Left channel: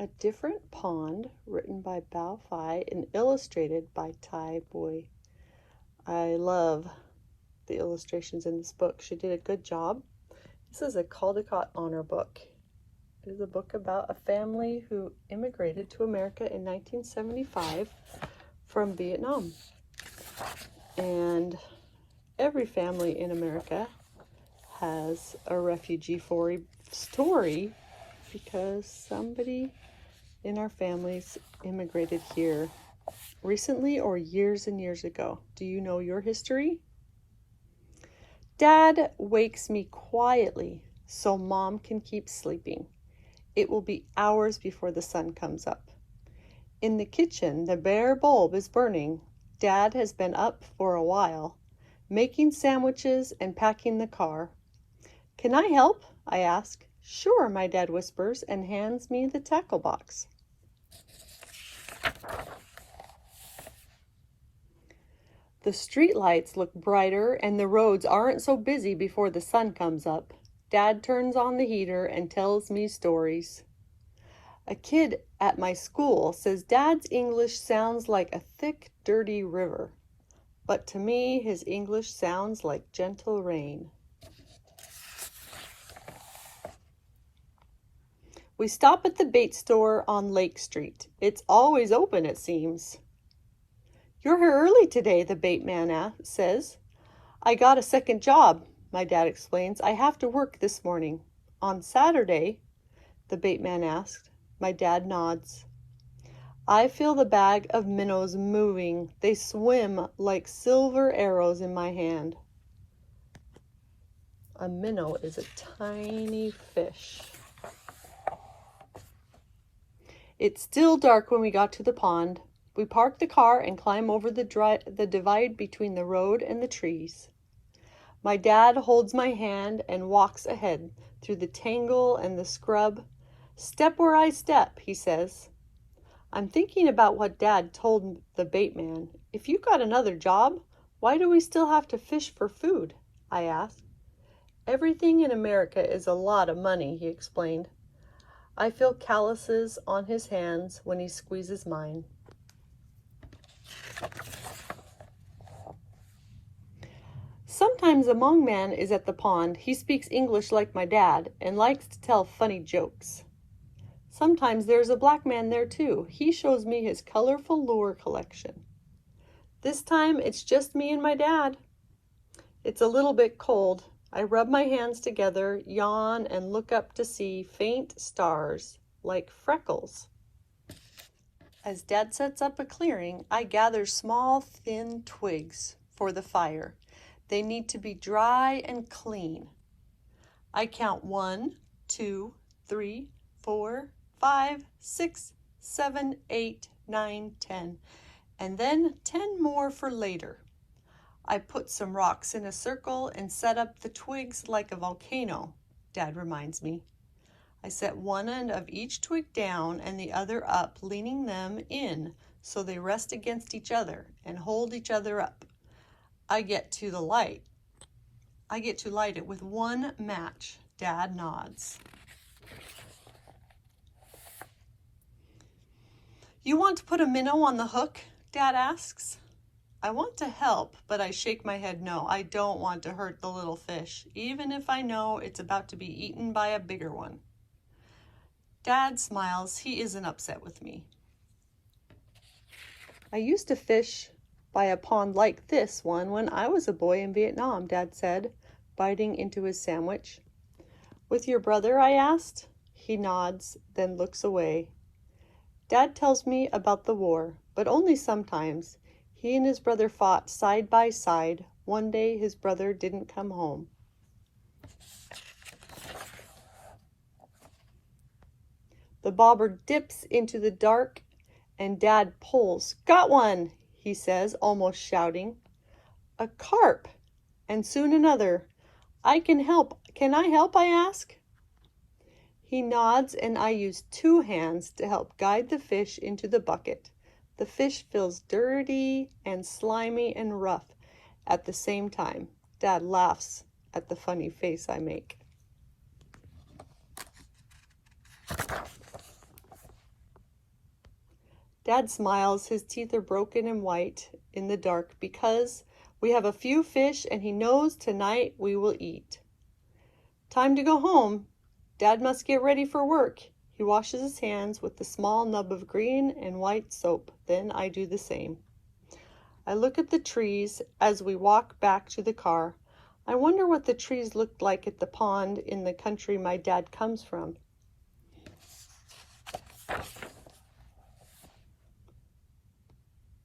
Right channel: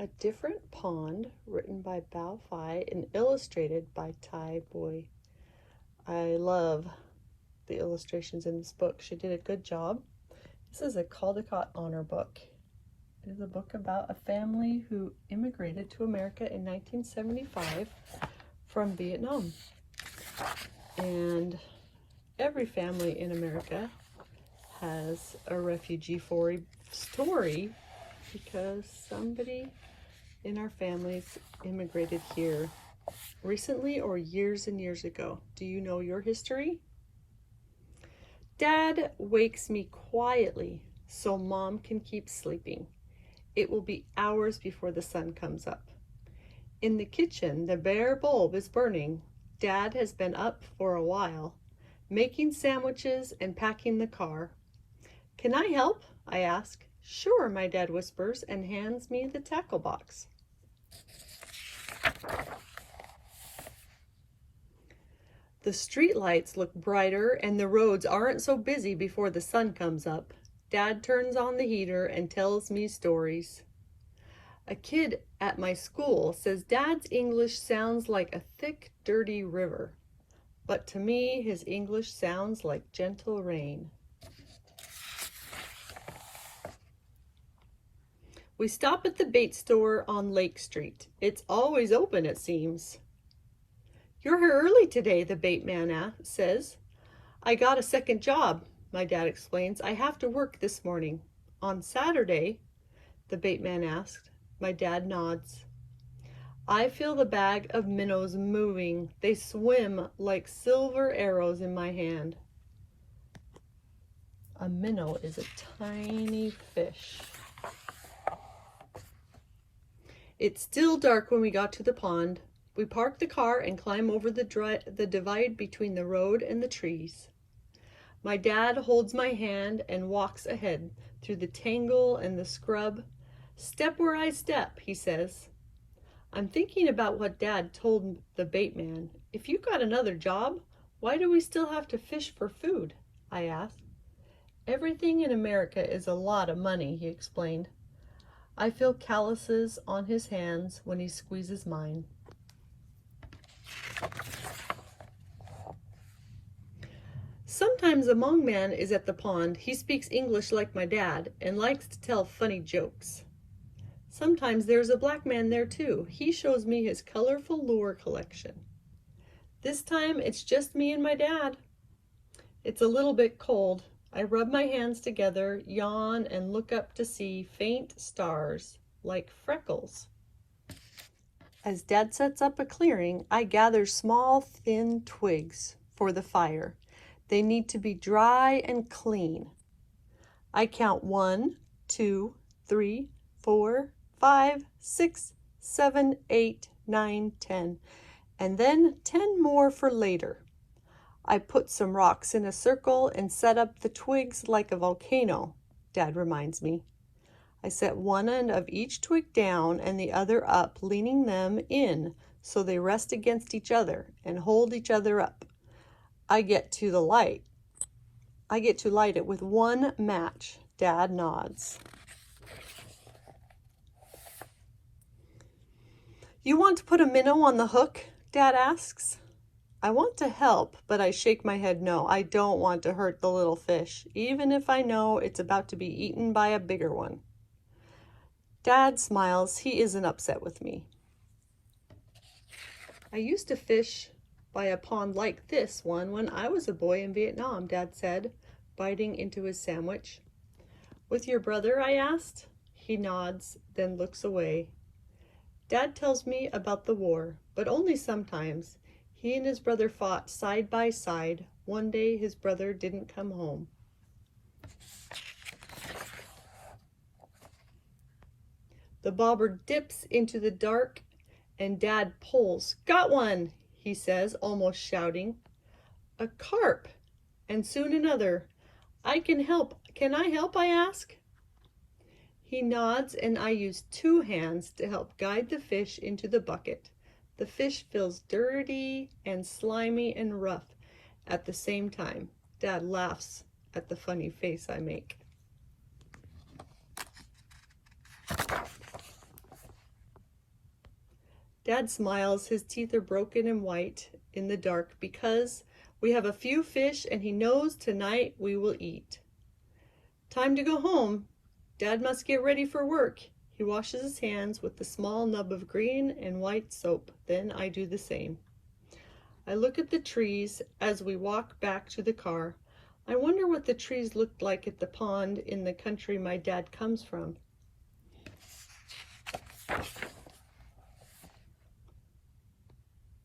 A Different Pond, written by Bao Phi and illustrated by Tai Boy. I love the illustrations in this book. She did a good job. This is a Caldecott honor book. It is a book about a family who immigrated to America in 1975 from Vietnam. And every family in America has a refugee story because somebody in our families immigrated here recently or years and years ago. Do you know your history? Dad wakes me quietly so Mom can keep sleeping. It will be hours before the sun comes up. In the kitchen, the bare bulb is burning. Dad has been up for a while, making sandwiches and packing the car. Can I help? I ask. Sure, my dad whispers and hands me the tackle box. The street lights look brighter and the roads aren't so busy before the sun comes up. Dad turns on the heater and tells me stories. A kid at my school says Dad's English sounds like a thick, dirty river. But to me, his English sounds like gentle rain. We stop at the bait store on Lake Street. It's always open, it seems. You're here early today, the bait man says. I got a second job, my dad explains. I have to work this morning. On Saturday, the bait man asked. My dad nods. I feel the bag of minnows moving. They swim like silver arrows in my hand. A minnow is a tiny fish. It's still dark when we got to the pond. We park the car and climb over the divide between the road and the trees. My dad holds my hand and walks ahead through the tangle and the scrub. Step where I step, he says. I'm thinking about what Dad told the bait man. If you got another job, why do we still have to fish for food? I asked. Everything in America is a lot of money, he explained. I feel calluses on his hands when he squeezes mine. Sometimes a Hmong man is at the pond. He speaks English like my dad and likes to tell funny jokes. Sometimes there's a black man there too. He shows me his colorful lure collection. This time it's just me and my dad. It's a little bit cold. I rub my hands together, yawn, and look up to see faint stars like freckles. As Dad sets up a clearing, I gather small, thin twigs for the fire. They need to be dry and clean. I count 1, 2, 3, 4, 5, 6, 7, 8, 9, 10, and then 10 more for later. I put some rocks in a circle and set up the twigs like a volcano, Dad reminds me. I set one end of each twig down and the other up, leaning them in so they rest against each other and hold each other up. I get to light it with one match. Dad nods. You want to put a minnow on the hook? Dad asks. I want to help, but I shake my head no. I don't want to hurt the little fish, even if I know it's about to be eaten by a bigger one. Dad smiles. He isn't upset with me. I used to fish by a pond like this one when I was a boy in Vietnam, Dad said, biting into his sandwich. With your brother? I asked. He nods, then looks away. Dad tells me about the war, but only sometimes. He and his brother fought side by side. One day his brother didn't come home. The bobber dips into the dark and Dad pulls. Got one, he says, almost shouting. A carp, and soon another. I can help. Can I help? I ask. He nods and I use 2 hands to help guide the fish into the bucket. The fish feels dirty and slimy and rough at the same time. Dad laughs at the funny face I make. Dad smiles. His teeth are broken and white in the dark because we have a few fish and he knows tonight we will eat. Time to go home. Dad must get ready for work. He washes his hands with the small nub of green and white soap. Then I do the same. I look at the trees as we walk back to the car. I wonder what the trees looked like at the pond in the country my dad comes from.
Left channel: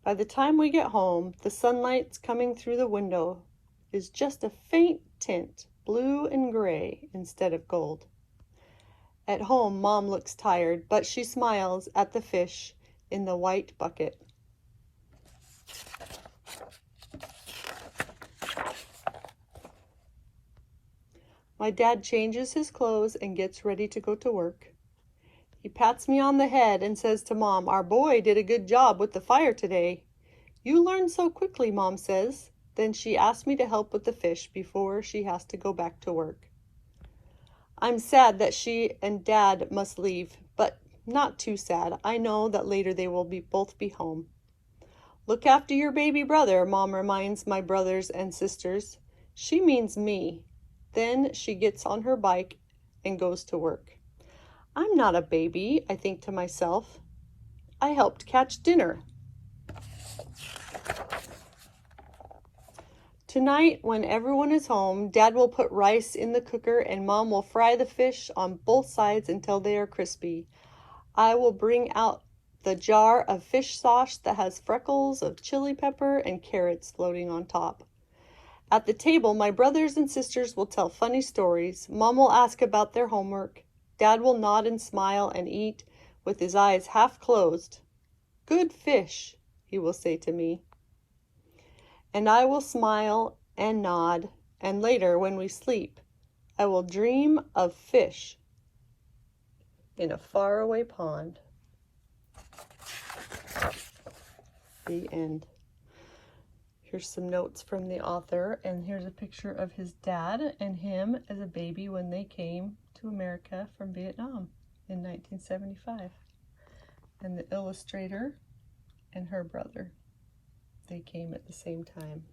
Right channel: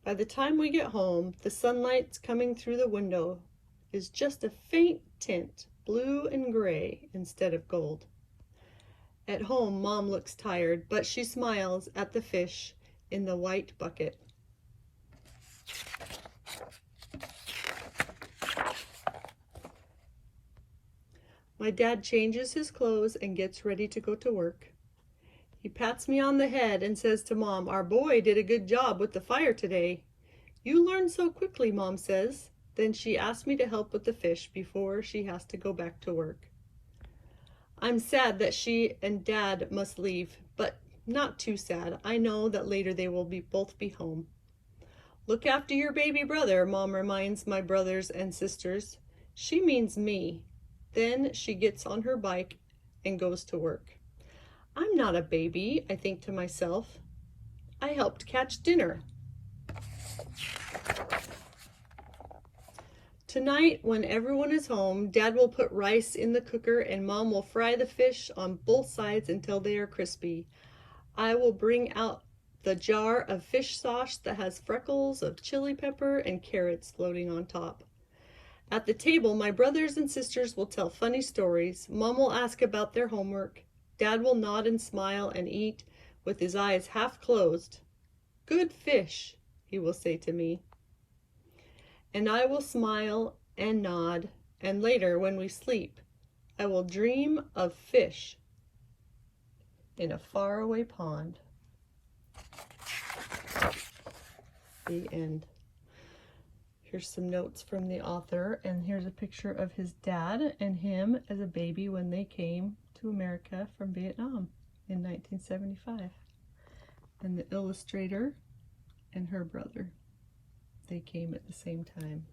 By the time we get home, the sunlight coming through the window is just a faint tint, blue and gray instead of gold. At home, Mom looks tired, but she smiles at the fish in the white bucket. My dad changes his clothes and gets ready to go to work. He pats me on the head and says to Mom, "Our boy did a good job with the fire today." "You learn so quickly," Mom says. Then she asks me to help with the fish before she has to go back to work. I'm sad that she and Dad must leave, but not too sad. I know that later they will both be home. "Look after your baby brother," Mom reminds my brothers and sisters. She means me. Then she gets on her bike and goes to work. I'm not a baby, I think to myself. I helped catch dinner. Tonight, when everyone is home, Dad will put rice in the cooker and Mom will fry the fish on both sides until they are crispy. I will bring out the jar of fish sauce that has freckles of chili pepper and carrots floating on top. At the table, my brothers and sisters will tell funny stories. Mom will ask about their homework. Dad will nod and smile and eat with his eyes half closed. "Good fish," he will say to me. And I will smile and nod, and later when we sleep, I will dream of fish in a faraway pond. The end. Here's some notes from the author, and here's a picture of his dad and him as a baby when they came to America from Vietnam in 1975. And the illustrator and her brother. They came at the same time.